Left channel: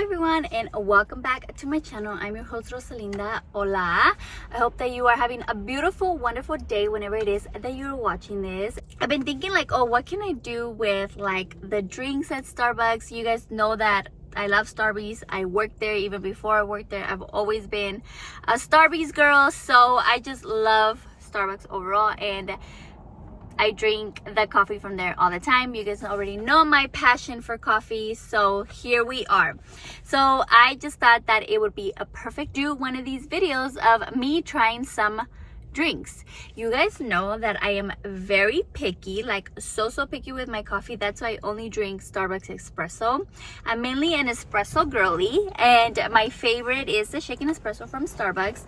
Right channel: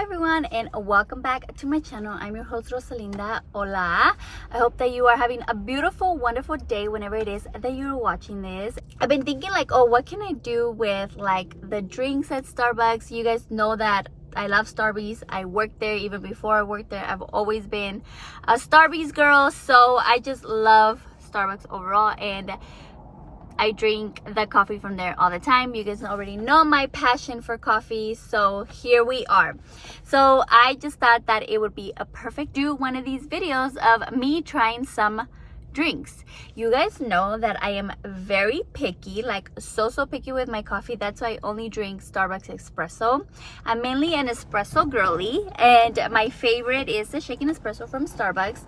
everyone, and welcome back to my channel. I'm your host Rosalinda. Hola. I hope that you are having a beautiful, wonderful day whenever it is that you're watching this. I've been thinking like, oh, what can I do with like the drinks at Starbucks? You guys know that I love Starbucks. I worked there. Even before I worked there, I've always been a Starbucks girl, so I just love Starbucks overall, and I drink the coffee from there all the time. You guys already know my passion for coffee, so here we are. So I just thought that it would be a perfect do one of these videos of me trying some drinks. You guys know that I am very picky, like so picky with my coffee. That's why I only drink Starbucks espresso. I'm mainly an espresso girly, and my favorite is the shaken espresso from Starbucks.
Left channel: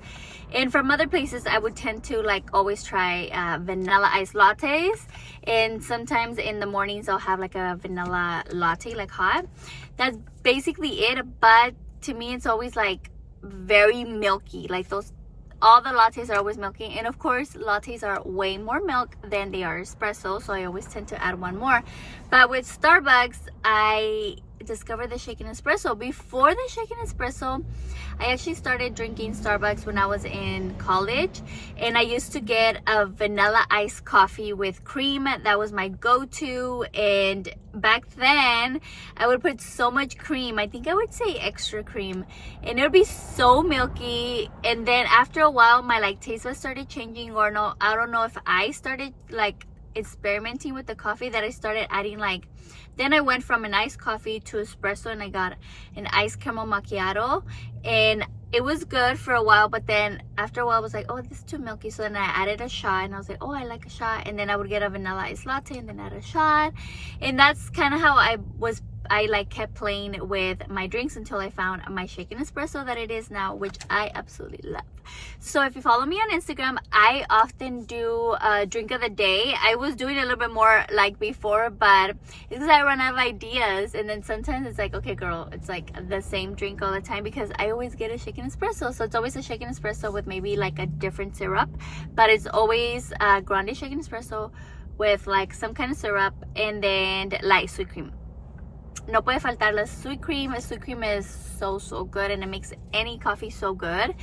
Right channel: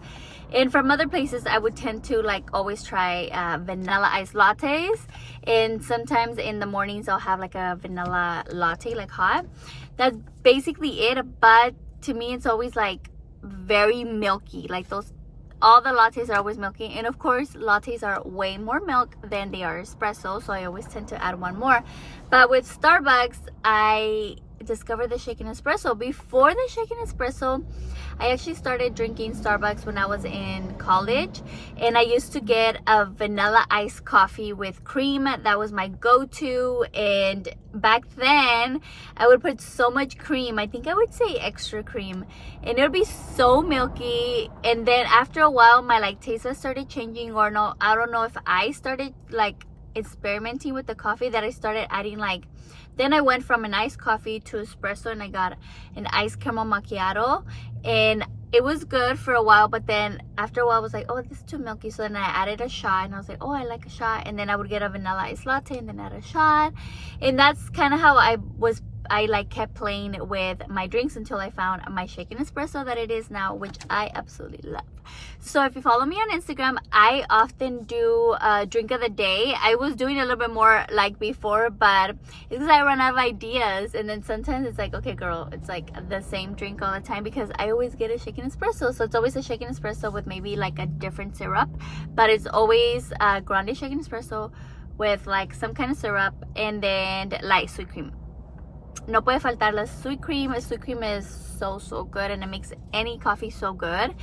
And from other places, I would tend to like always try vanilla iced lattes. And sometimes in the mornings, I'll have like a vanilla latte, like hot. That's basically it. But to me, it's always like very milky. Like all the lattes are always milky. And of course, lattes are way more milk than they are espresso. So I always tend to add one more. But with Starbucks, I discovered the shaken espresso. Before the shaken espresso, I actually started drinking Starbucks when I was in college, and I used to get a vanilla iced coffee with cream. That was my go-to, and back then I would put so much cream. I think I would say extra cream, and it would be so milky. And then after a while, my like taste buds started changing, or no, I don't know if I started like experimenting with the coffee, that I started adding like, then I went from an iced coffee to espresso, and I got an iced caramel macchiato, and it was good for a while. But then after a while, I was like, oh, this is too milky. So then I added a shot, and I was like, oh, I like a shot. And then I would get a vanilla iced latte and then add a shot. And that's kind of how I like kept playing with my drinks until I found my shaken espresso that it is now, which I absolutely love. So if you follow me on Instagram, I often do a drink of the day. I was doing a little bit more like before, but it's because I run out of ideas. And then sometimes it's like, okay, girl, it's like the same drink all the time, because I always get a shaken espresso. So it's always a shaken espresso with maybe like a different syrup, but it's always a grande shaken espresso with like some kind of syrup, and then light sweet cream. No puede faltar la sweet cream. The sweet cream is so good, and it makes any coffee so good.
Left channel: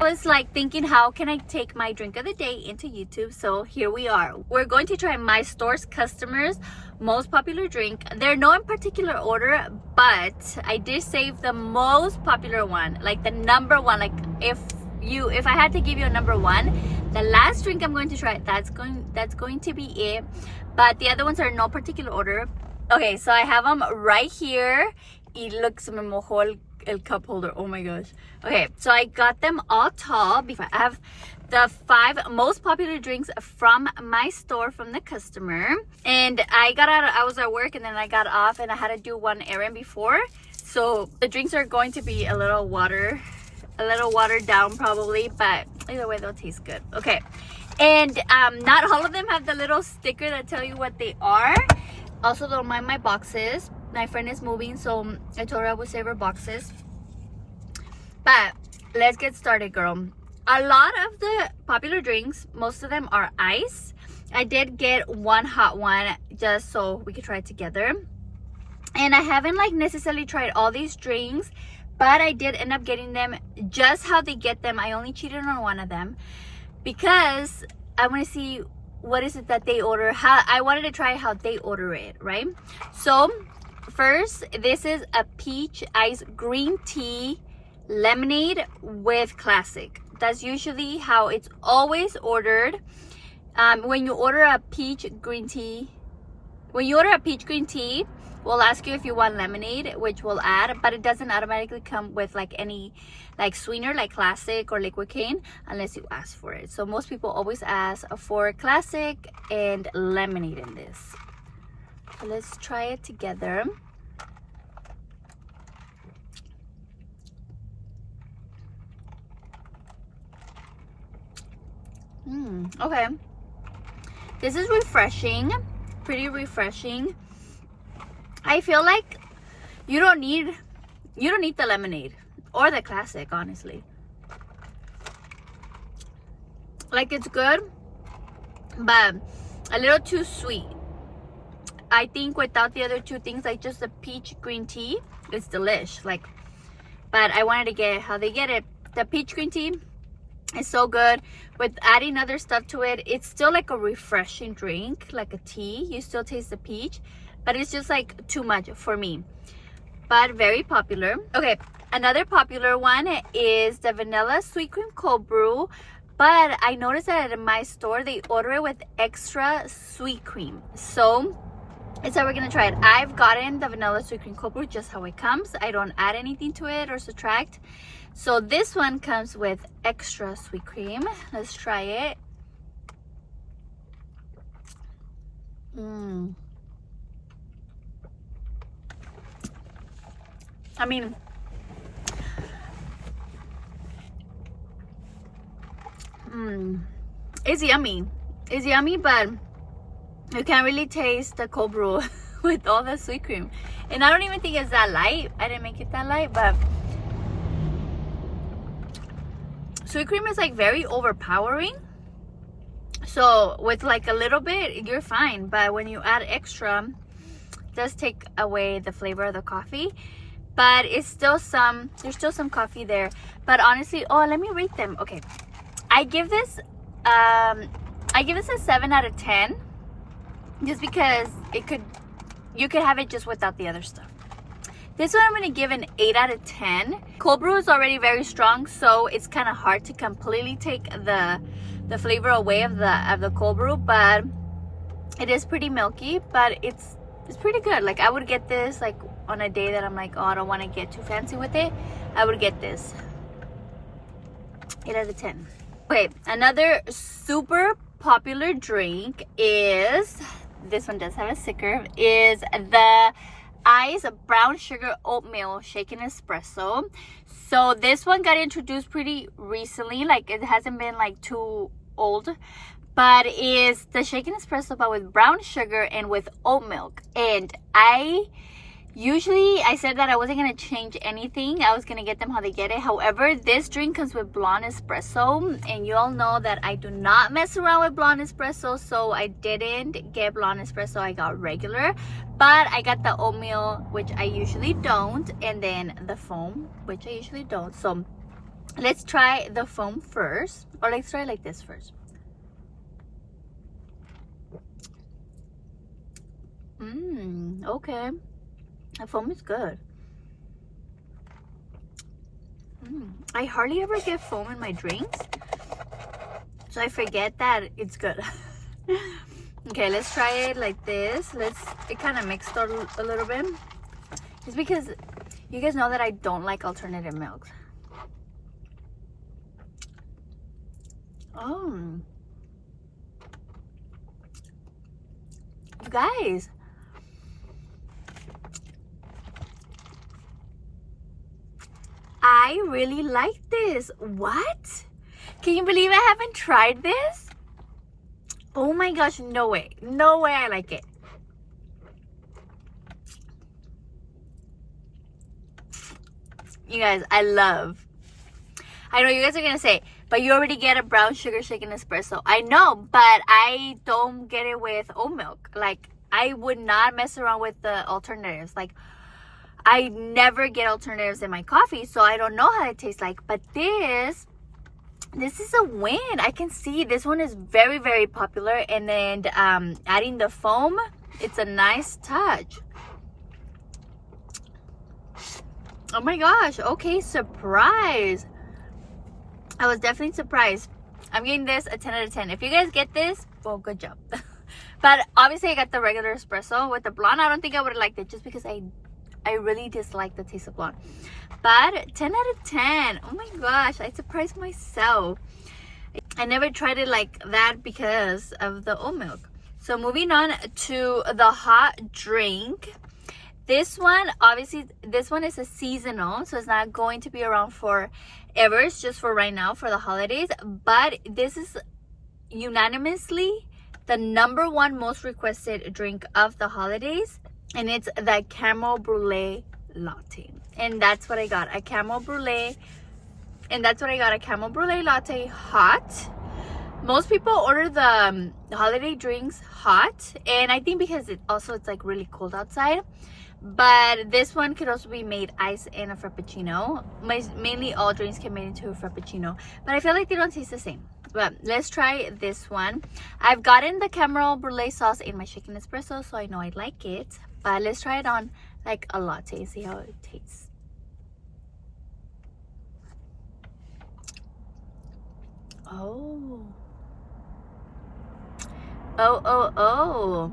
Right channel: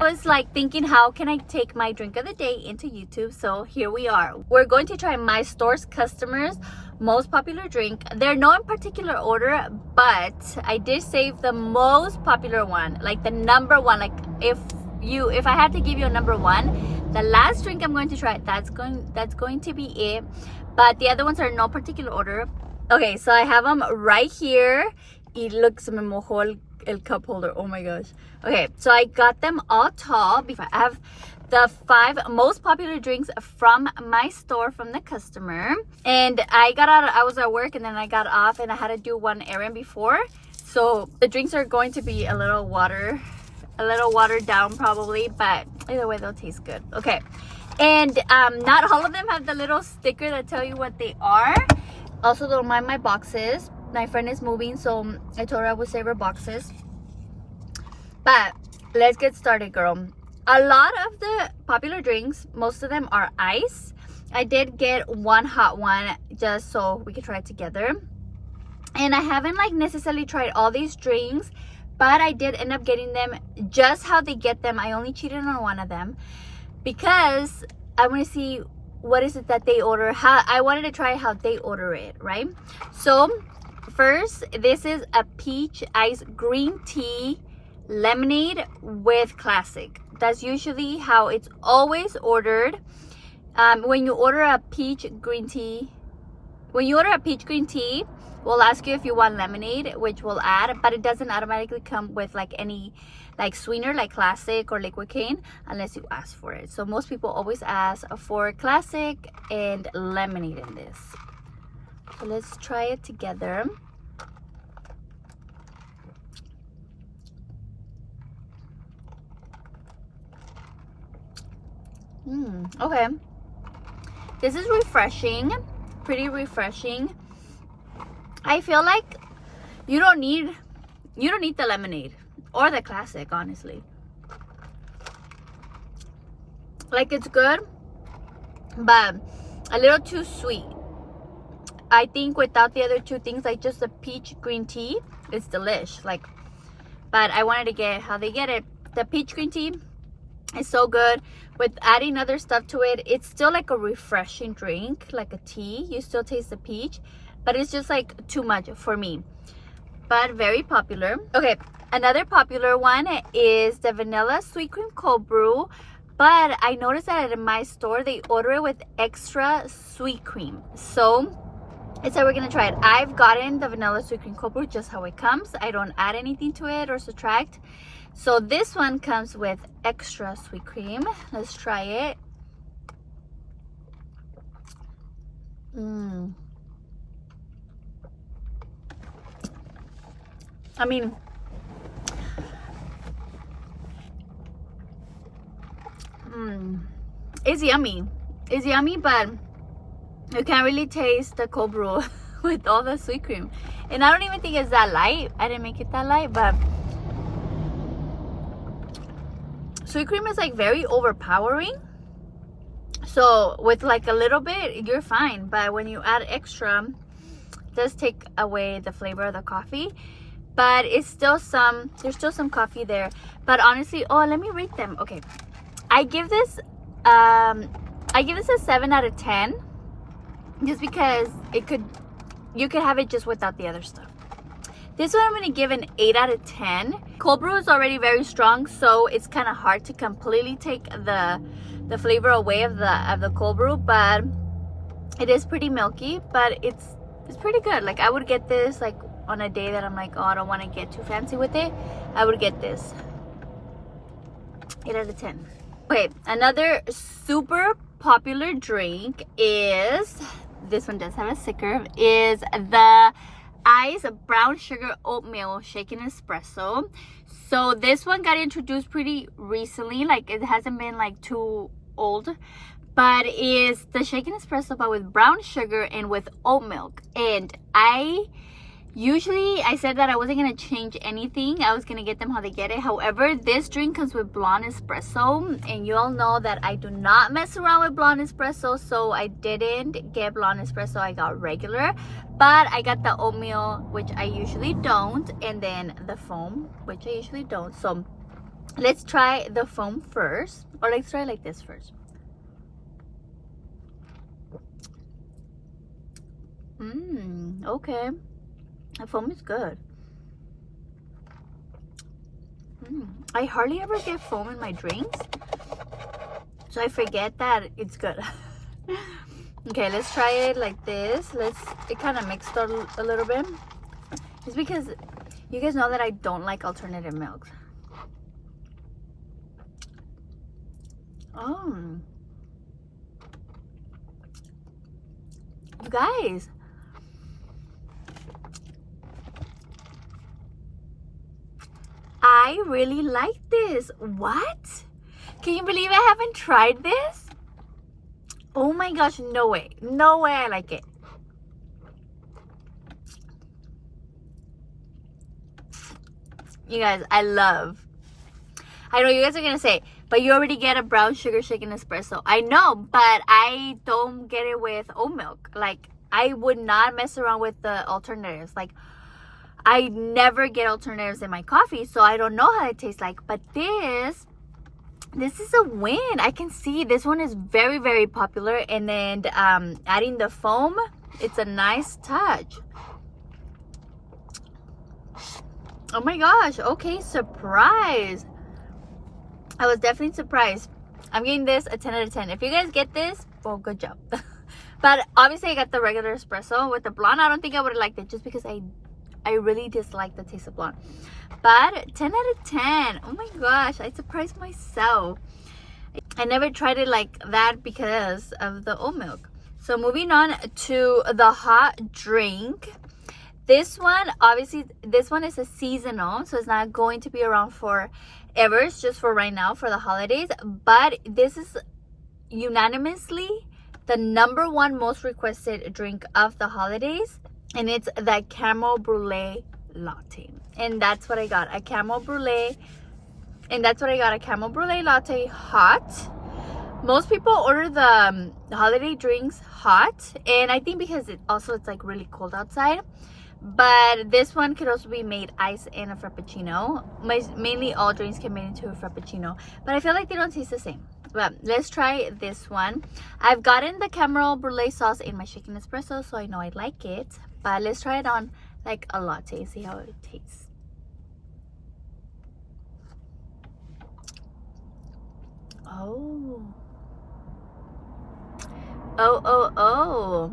I was like thinking, how can I take my drink of the day into YouTube? So here we are. We're going to try my store's customers' most popular drink. They're no in particular order, but I did save the most popular one, like the number one. Like if I had to give you a number one, the last drink I'm going to try, that's going to be it. But the other ones are no particular order. Okay, so I have them right here. Y look, se me mojó el cup holder. Oh my gosh. Okay, so I got them all tall. I have the 5 most popular drinks from my store from the customer. And I was at work, and then I got off, and I had to do one errand before. So the drinks are going to be a little watered down probably, but either way they'll taste good. Okay, and not all of them have the little sticker that tell you what they are. Also, don't mind my boxes. My friend is moving, so I told her I would save her boxes. But let's get started, girl. A lot of the popular drinks, most of them are ice. I did get one hot one just so we could try it together. And I haven't like necessarily tried all these drinks, but I did end up getting them just how they get them. I only cheated on one of them because I want to see what is it that they order. I wanted to try how they order it, right? So first, this is a peach ice green tea lemonade with classic. That's usually how it's always ordered. When you order a peach green tea, we'll ask you if you want lemonade, which we'll add, but it doesn't automatically come with like any like sweetener like classic or liquid cane unless you ask for it. So most people always ask for classic and lemonade in this. So let's try it together. Okay, this is refreshing, pretty refreshing. I feel like you don't need the lemonade or the classic, honestly. Like, it's good, but a little too sweet. I think without the other two things, like just the peach green tea, it's delish. Like, but I wanted to get how they get it. The peach green tea is so good. With adding other stuff to it, it's still like a refreshing drink, like a tea. You still taste the peach, but it's just like too much for me. But very popular. Okay, another popular one is the vanilla sweet cream cold brew, but I noticed that at my store they order it with extra sweet cream, so it's how we're gonna try it. I've gotten the vanilla sweet cream cold brew just how it comes. I don't add anything to it or subtract. So this one comes with extra sweet cream. Let's try it. I mean, it's yummy. It's yummy, but you can't really taste the cold brew with all the sweet cream. And I don't even think it's that light. I didn't make it that light, but sweet cream is like very overpowering. So with like a little bit, you're fine. But when you add extra, it does take away the flavor of the coffee. But it's still there's still some coffee there. But honestly, oh, let me rate them. Okay, I give this a 7 out of 10, just because you could have it just without the other stuff. This one I'm going to give an 8 out of 10. Cold brew is already very strong, so it's kind of hard to completely take the flavor away of the cold brew, but it is pretty milky, but it's pretty good. Like, I would get this like on a day that I'm like, oh, I don't want to get too fancy with it. I would get this. 8 out of 10. Okay, another super popular drink is, this one does have a sticker, is the Ice brown sugar oatmeal shaken espresso. So this one got introduced pretty recently, like it hasn't been like too old, but is the shaken espresso but with brown sugar and with oat milk. And I said that I wasn't going to change anything. I was going to get them how they get it. However, this drink comes with blonde espresso, and you all know that I do not mess around with blonde espresso, so I didn't get blonde espresso. I got regular, but I got the oatmeal, which I usually don't, and then the foam, which I usually don't. So let's try the foam first, or let's try like this first. Okay. The foam is good. I hardly ever get foam in my drinks, so I forget that it's good. Okay, let's try it like this. It kind of mixed a little bit. It's because you guys know that I don't like alternative milks. Oh, you guys, I really like this. What? Can you believe I haven't tried this? Oh my gosh, no way. No way I like it. You guys, I know you guys are going to say, but you already get a brown sugar shaken espresso. I know, but I don't get it with oat milk. Like, I would not mess around with the alternatives. Like, I never get alternatives in my coffee, so I don't know how it tastes like. But this is a win. I can see this one is very, very popular. And then adding the foam, it's a nice touch. Oh my gosh. Okay, surprise. I was definitely surprised. I'm giving this a 10 out of 10. If you guys get this, well, good job. But obviously I got the regular espresso. With the blonde, I don't think I would have liked it, just because I really dislike the taste of blonde. But 10 out of 10. Oh my gosh, I surprised myself. I never tried it like that because of the oat milk. So moving on to the hot drink. This one, obviously, this one is a seasonal, so it's not going to be around forever. It's just for right now, for the holidays. But this is unanimously the #1 most requested drink of the holidays. And it's the caramel brulee latte. And that's what I got, a caramel brulee. And that's what I got, a caramel brulee latte hot. Most people order the holiday drinks hot. And I think because it's like really cold outside. But this one could also be made iced in a frappuccino. Mainly all drinks can be made into a frappuccino, but I feel like they don't taste the same. But let's try this one. I've gotten the caramel brulee sauce in my shaken espresso, so I know I like it. But let's try it on like a latte, see how it tastes. Oh. Oh.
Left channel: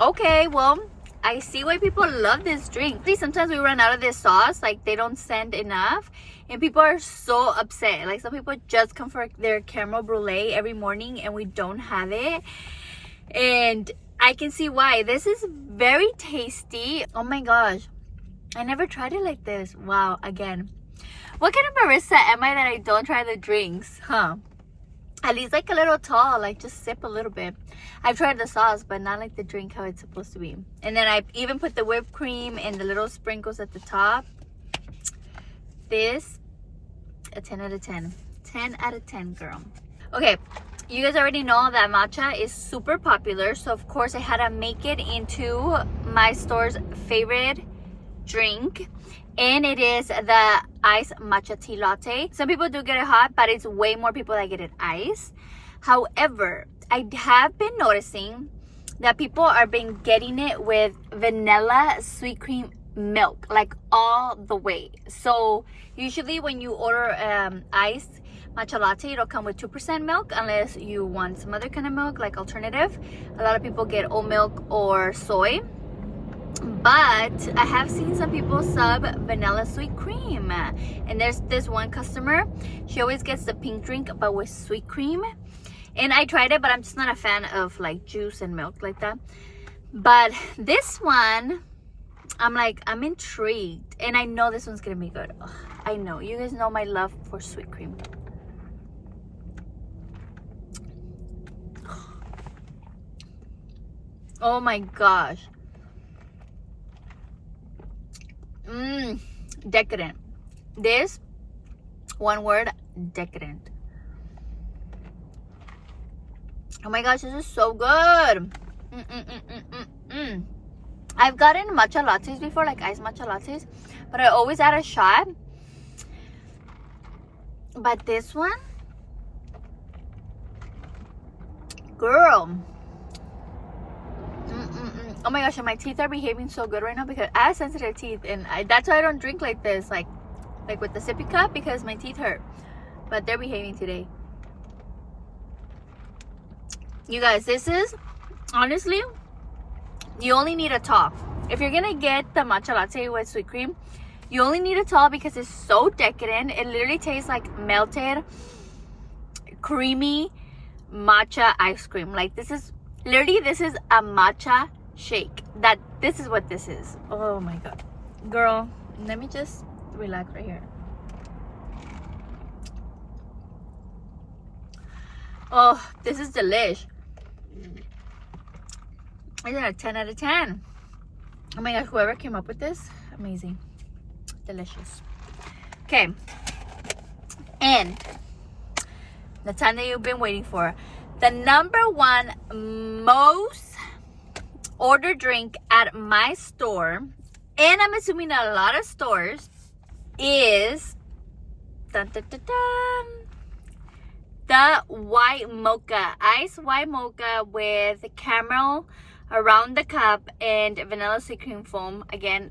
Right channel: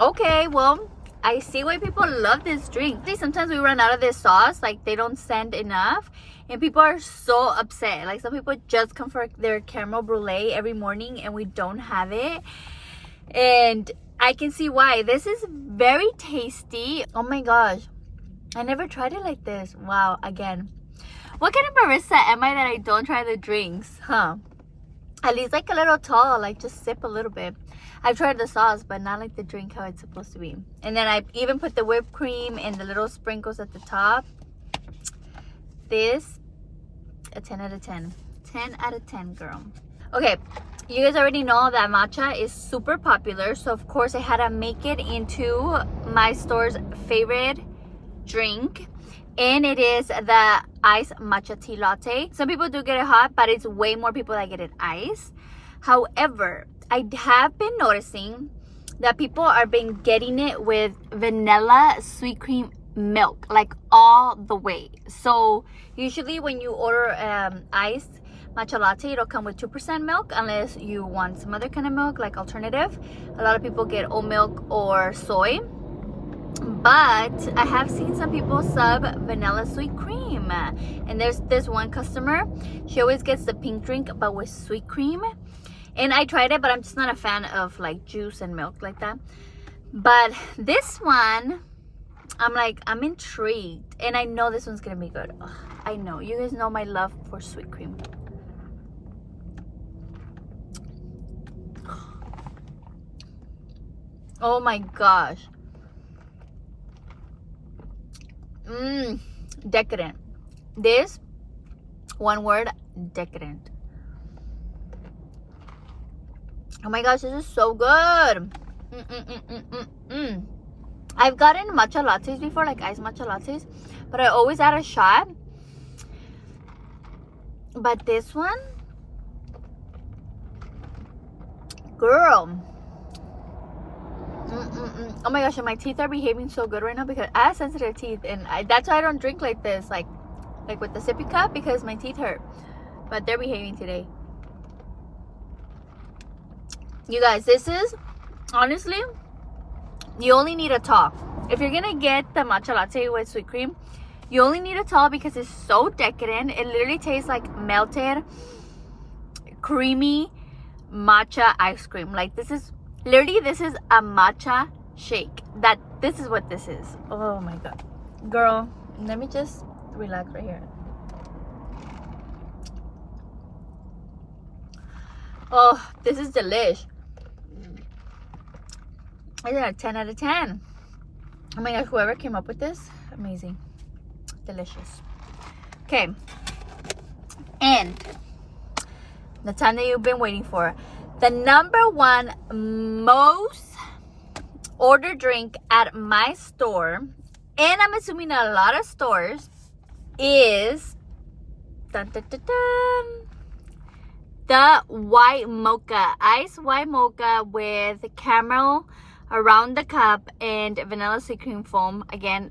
Okay, well, I see why people love this drink. Sometimes we run out of this sauce, like they don't send enough, and people are so upset. Like some people just come for their caramel brulee every morning and we don't have it, and I can see why. This is very tasty. Oh my gosh, I never tried it like this. Wow, again, what kind of barista am I that I don't try the drinks, huh? At least like a little tall, like just sip a little bit. I've tried the sauce, but not like the drink how it's supposed to be. And then I even put the whipped cream and the little sprinkles at the top. This, a 10 out of 10. 10 out of 10, girl. Okay, you guys already know that matcha is super popular. So of course I had to make it into my store's favorite drink. And it is the iced matcha tea latte. Some people do get it hot, but it's way more people that get it iced. However, I have been noticing that people are been getting it with vanilla sweet cream milk, like all the way. So usually when you order iced matcha latte, it'll come with 2% milk unless you want some other kind of milk, like alternative. A lot of people get oat milk or soy. But I have seen some people sub vanilla sweet cream. And there's this one customer, she always gets the pink drink but with sweet cream. And I tried it, but I'm just not a fan of like juice and milk like that. But this one, I'm intrigued. And I know this one's gonna be good. Ugh, I know, you guys know my love for sweet cream. Oh my gosh. Decadent. This, one word, decadent. Oh my gosh, this is so good. I've gotten matcha lattes before, like iced matcha lattes, but I always add a shot. But this one, girl. Oh my gosh, and my teeth are behaving so good right now because I have sensitive teeth, and that's why I don't drink like this, like with the sippy cup, because my teeth hurt. But they're behaving today. You guys, this is, honestly, you only need a tall. If you're gonna get the matcha latte with sweet cream, you only need a tall because it's so decadent. It literally tastes like melted, creamy matcha ice cream. Like this is a matcha shake. This is what this is. Oh my god, girl, let me just relax right here. Oh, this is delish. I got a 10 out of 10. Oh my gosh, whoever came up with this, amazing, delicious. Okay, and the time that you've been waiting for, the number one most ordered drink at my store, and I'm assuming a lot of stores, is the white mocha, iced white mocha with caramel around the cup and vanilla sweet cream foam. Again,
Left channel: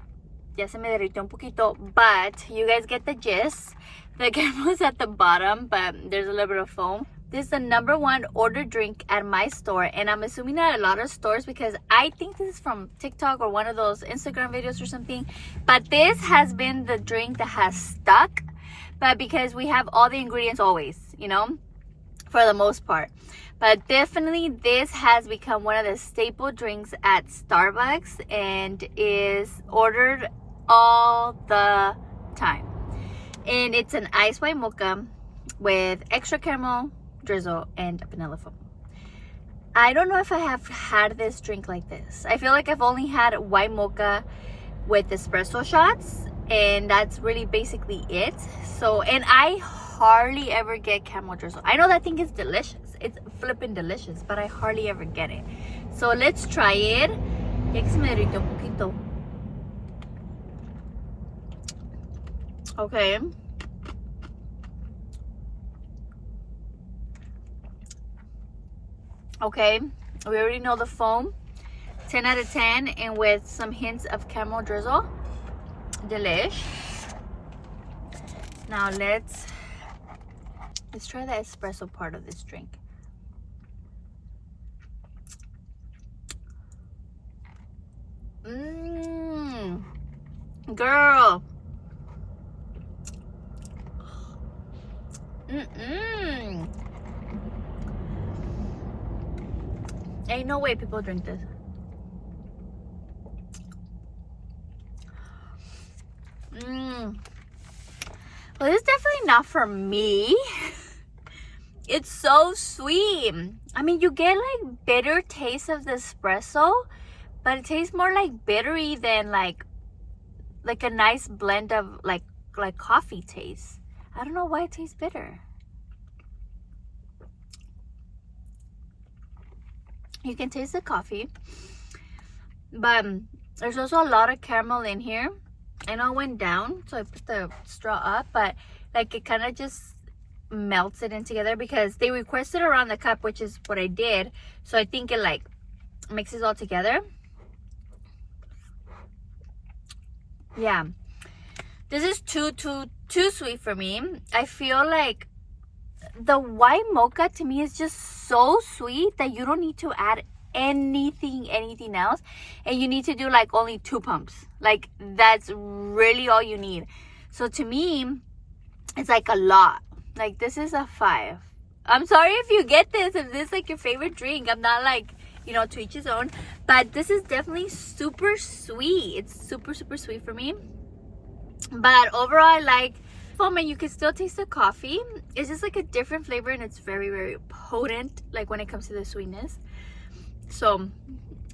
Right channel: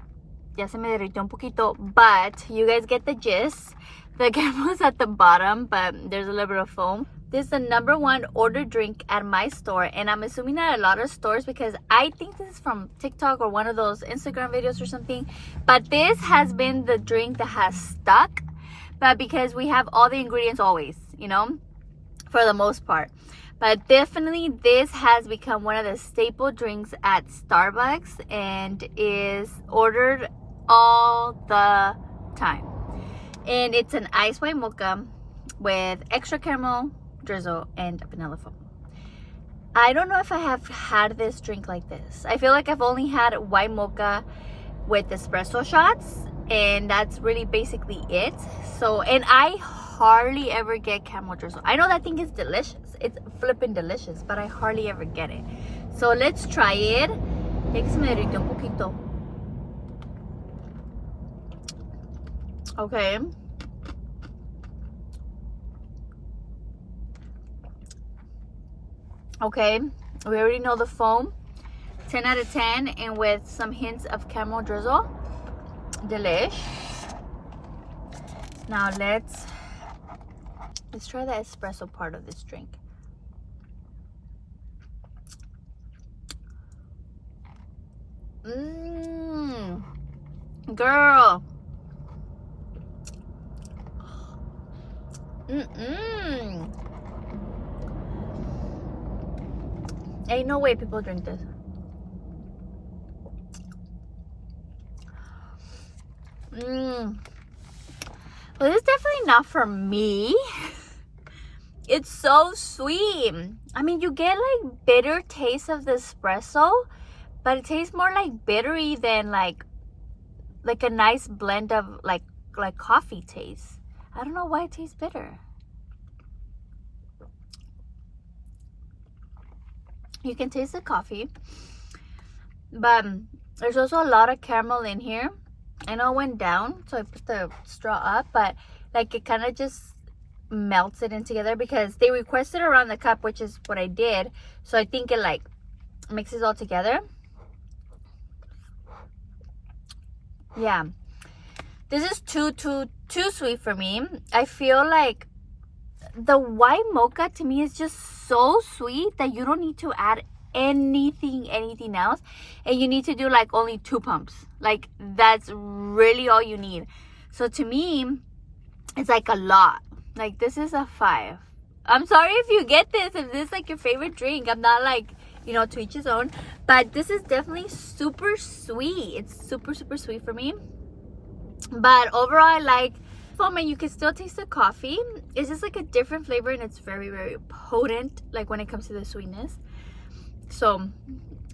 ya se me derritió un poquito, but you guys get the gist. The caramel is at the bottom, but there's a little bit of foam. This is the number one ordered drink at my store, and I'm assuming at a lot of stores because I think this is from TikTok or one of those Instagram videos or something. But this has been the drink that has stuck, but because we have all the ingredients always, you know, for the most part. But definitely this has become one of the staple drinks at Starbucks and is ordered all the time. And it's an ice white mocha with extra caramel drizzle and vanilla foam. I don't know if I have had this drink like this. I feel like I've only had white mocha with espresso shots, and that's really basically it. So, and I hardly ever get caramel drizzle. I know that thing is delicious. it's flipping delicious, but I hardly ever get it. So let's try it. Ya que se me derritió un poquito. Okay. Okay, we already know the foam. 10 out of 10, and with some hints of caramel drizzle. Delish. Now let's try the espresso part of this drink. Girl. Ain't no way people drink this. Well, this is definitely not for me. It's so sweet. I mean, you get like bitter taste of the espresso, but it tastes more like bittery than like a nice blend of like coffee taste. I don't know why it tastes bitter. You can taste the coffee, but there's also a lot of caramel in here. I know it went down, so I put the straw up, but like it kind of just melts it in together because they requested around the cup, which is what I did. So I think it like mixes all together. Yeah, this is too sweet for me. I feel like the white mocha to me is just so sweet that you don't need to add anything else, and you need to do like only 2 pumps. Like that's really all you need. So to me, it's like a lot. Like this is a 5. I'm sorry if you get this, if this is like your favorite drink. I'm not like, you know, to each his own, but this is definitely super sweet. It's super sweet for me, but overall I like foam, and you can still taste the coffee. It's just like a different flavor, and it's very potent like when it comes to the sweetness. So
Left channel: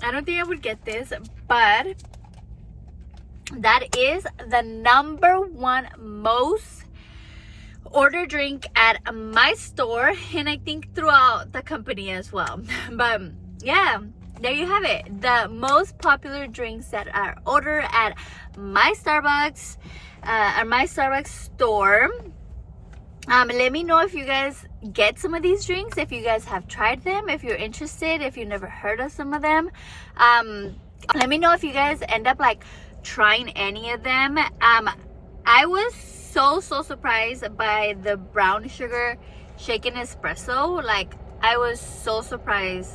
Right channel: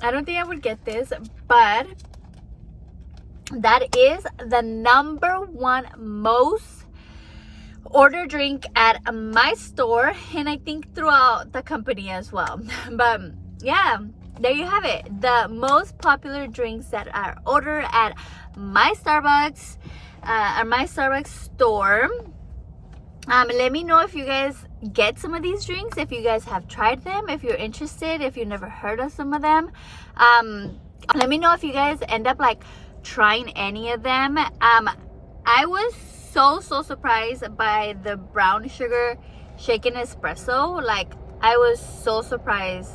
I don't think I would get this, but that is the #1 most ordered drink at my store, and I think throughout the company as well. But yeah, there you have it, the most popular drinks that are ordered at my Starbucks, at my Starbucks store. Let me know if you guys get some of these drinks, if you guys have tried them, if you're interested, if you've never heard of some of them. Let me know if you guys end up like trying any of them. I was so surprised by the brown sugar shaken espresso. Like I was so surprised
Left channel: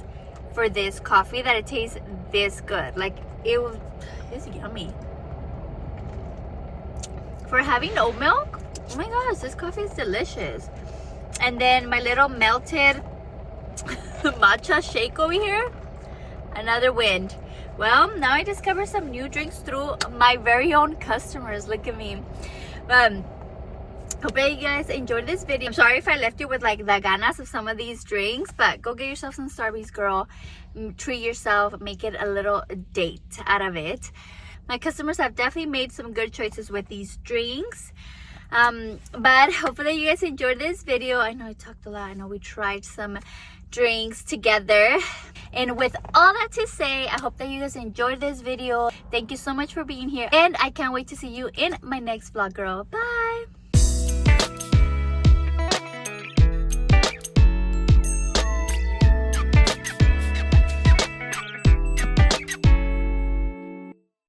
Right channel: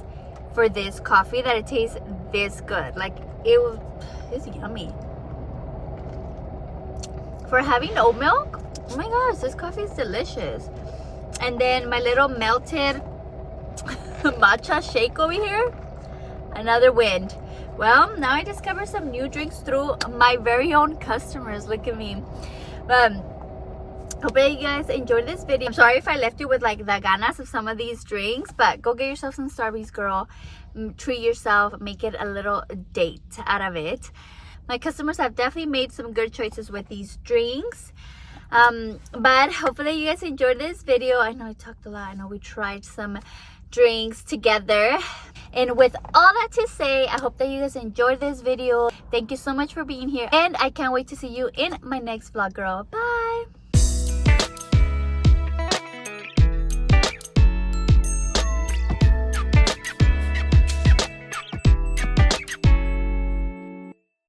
for this coffee that it tastes this good. Like it's yummy. For having oat milk, oh my gosh, this coffee is delicious. And then my little melted matcha shake over here, another win. Well, now I discovered some new drinks through my very own customers. Look at me. Hope that you guys enjoyed this video. I'm sorry if I left you with like the ganas of some of these drinks, but go get yourself some Starbucks, girl. Treat yourself, make it a little date out of it. My customers have definitely made some good choices with these drinks. But hopefully you guys enjoyed this video. I know I talked a lot. I know we tried some drinks together. And with all that to say, I hope that you guys enjoyed this video. Thank you so much for being here, and I can't wait to see you in my next vlog, girl. Bye.